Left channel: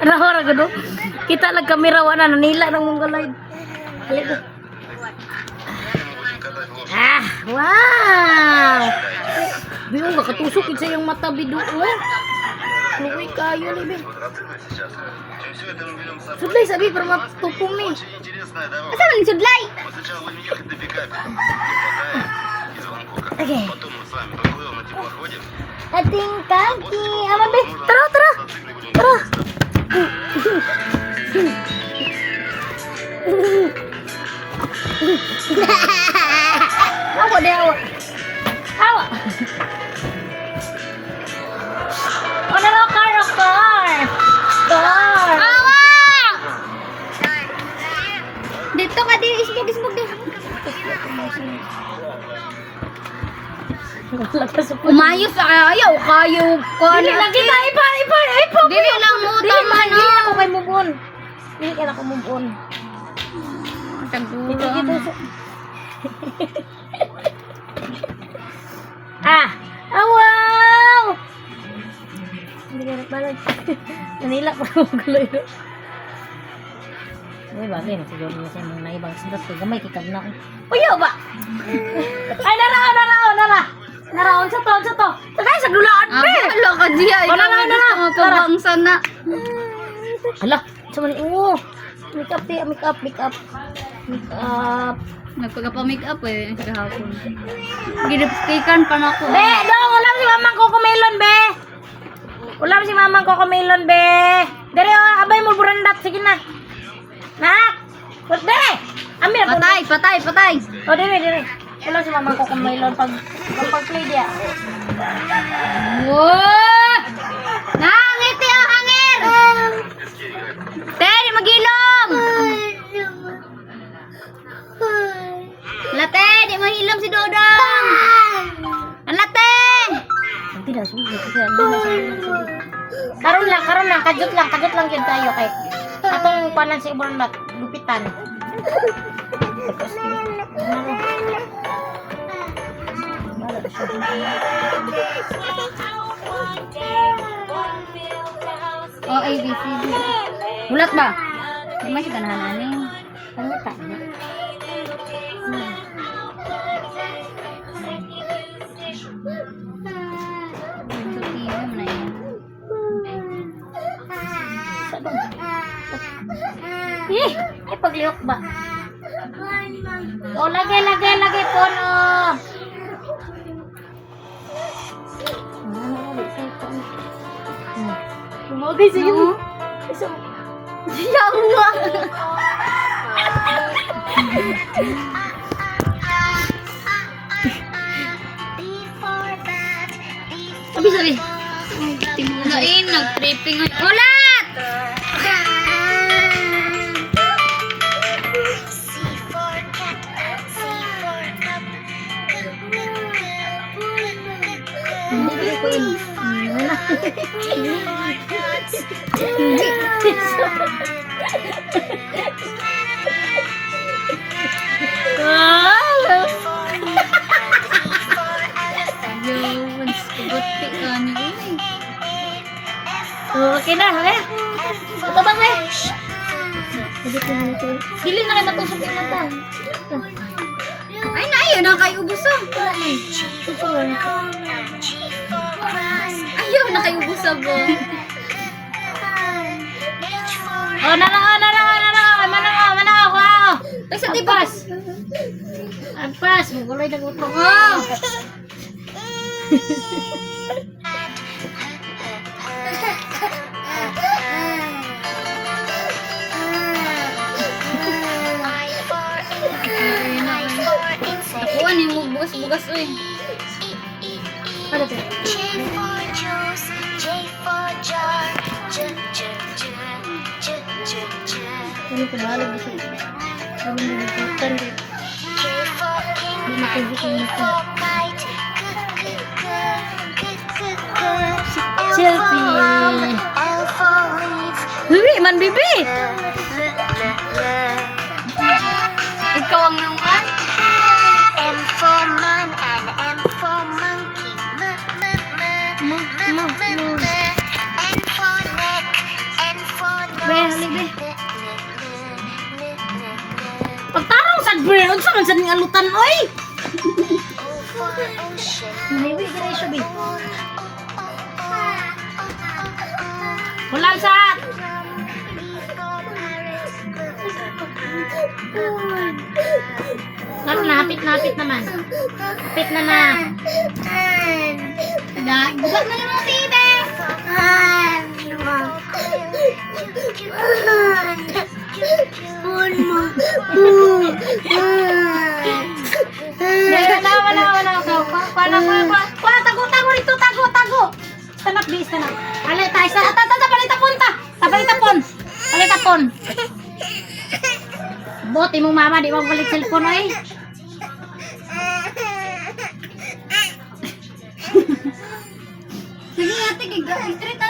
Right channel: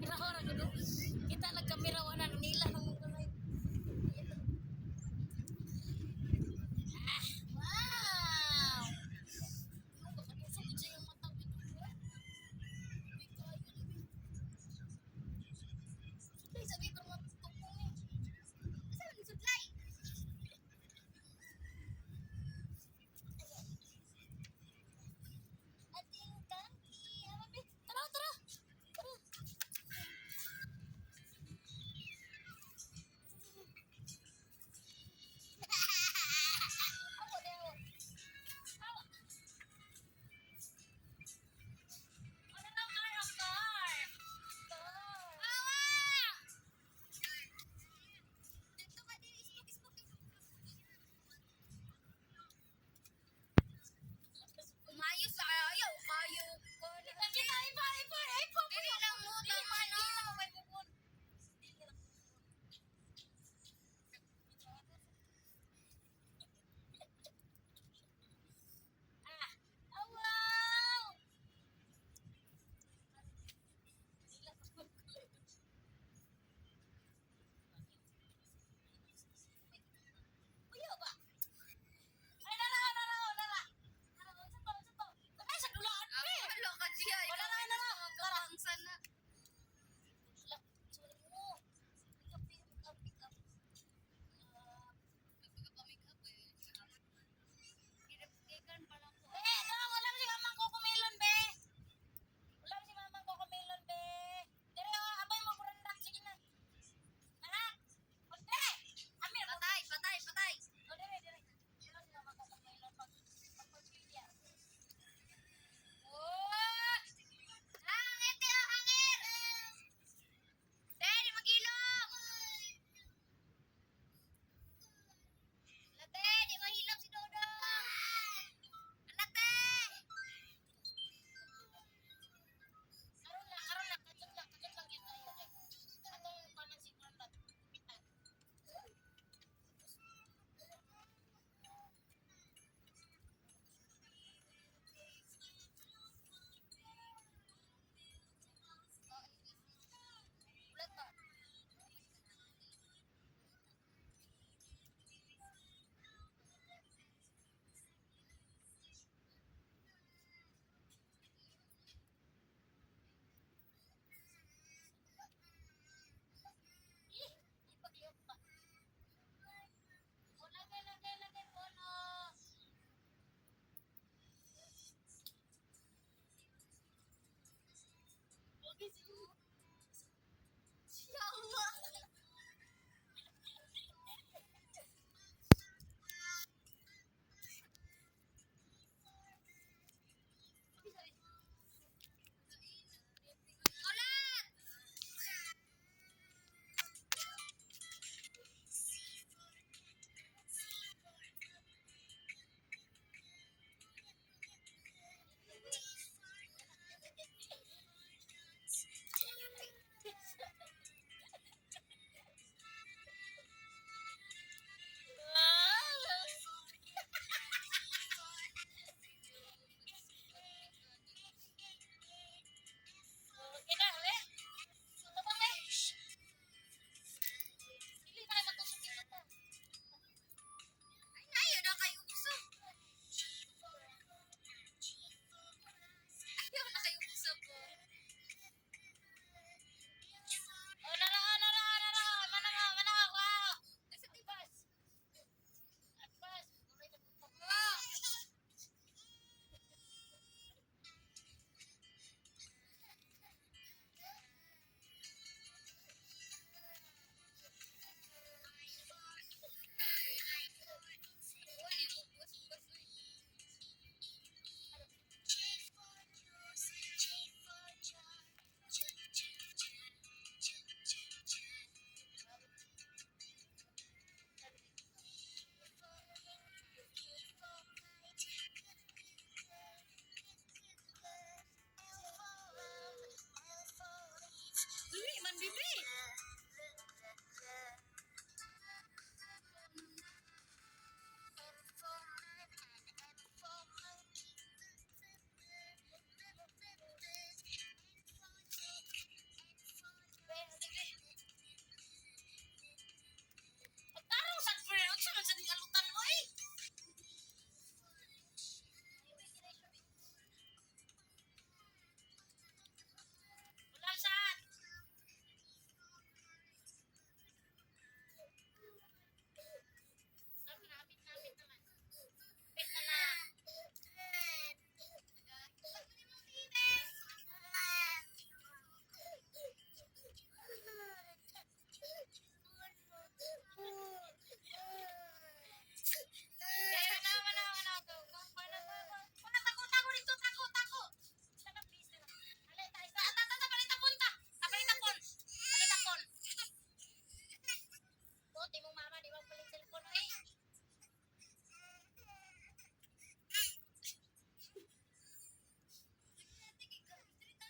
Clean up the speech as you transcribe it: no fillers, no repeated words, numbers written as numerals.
Rahora gado. Kita lang kamera wana nanila ng mong galay. Halika. Ah, wow. Biyo nga katusok sa yung mata bidu eh. Luwi kayo libe. Sudlay sabi pero matupong ni. Asa man sudlay? Okay. Ating kaki. Ama be. Tara, tara. Tara. Awa deh awa. Awa. Ano na car? Car. Awa! Dito ka din. Isbog din. Umayos ayaw kayo ko Dili lagi ta ipa. Dili lang mo tama na. Dili ako kay mubon. Dili ka na ko mubon. Taguro. Dito. Wow! Hindi ka nagbalag. Nanila pa ako guloy. Uy, bagay na siguro na siya mga naibang sarap. Gamay kikag na ako. Uyo ba? Ay, naraon sa to. Tagay sa dulaan, be! Hala ka diya. Nara. Pabangsa na. Hala, sa mali. Oo. Make up. Nagpagpa-make up eh. Kahapon. Ginipstikan pa na ako. Be, dong, ulam si mamang Cocomelon, be. Ulam si mamang Cocomelon, be. Dere, abay mo burandat. Sige na. Nak! Put, be! Amir, Patay. O, dire. Ulam si mamang Cocomelon pag-play dia. Wow! Nangiti ang hangir! Te, magilom! Late, di mahilom si Dodong! Late! Tidak sulit kasi ano na karon lang kajut lang yun tayo kay atong panan si burandat lupitan. Oh, ABCD. Bulat ba? Di masih ganahan ani. Ano ta? Ay pagliok ba? O lagay pono. Lumagay sige mo. Yawa. Sabi. Tingulain, nag-tripping. Ulat! Okay na, okay? Ito ba, be? Dili na kayo matusok yung mata. Ay, naiyo na kayo ubusan. Ayaw na kayo ubusan po. Oh, manang ako. Sa tipas. Agpas, maguloy na gusto ko. Kuha ni mo bugas oy. Ano to? Ano ko bahala gusto? Sabi mo nagputan rin. Hindi nakibukong nito. Selfie! Bibi, man bibi! Ikaw ang naman. M for man and M for monkey. M bre, unsa man sa ning alutan oy? over ocean. Maybe dire siya bi. Ulam sa. Napit naman. Napit na na. Bugat na yung mga tibe. Wala, tago rito, tago. Stand up, bi, stand up. Ale, tayo sa, palitapon. Bot, imong mama, di mo balik cellphone, oy. Sige ate, straight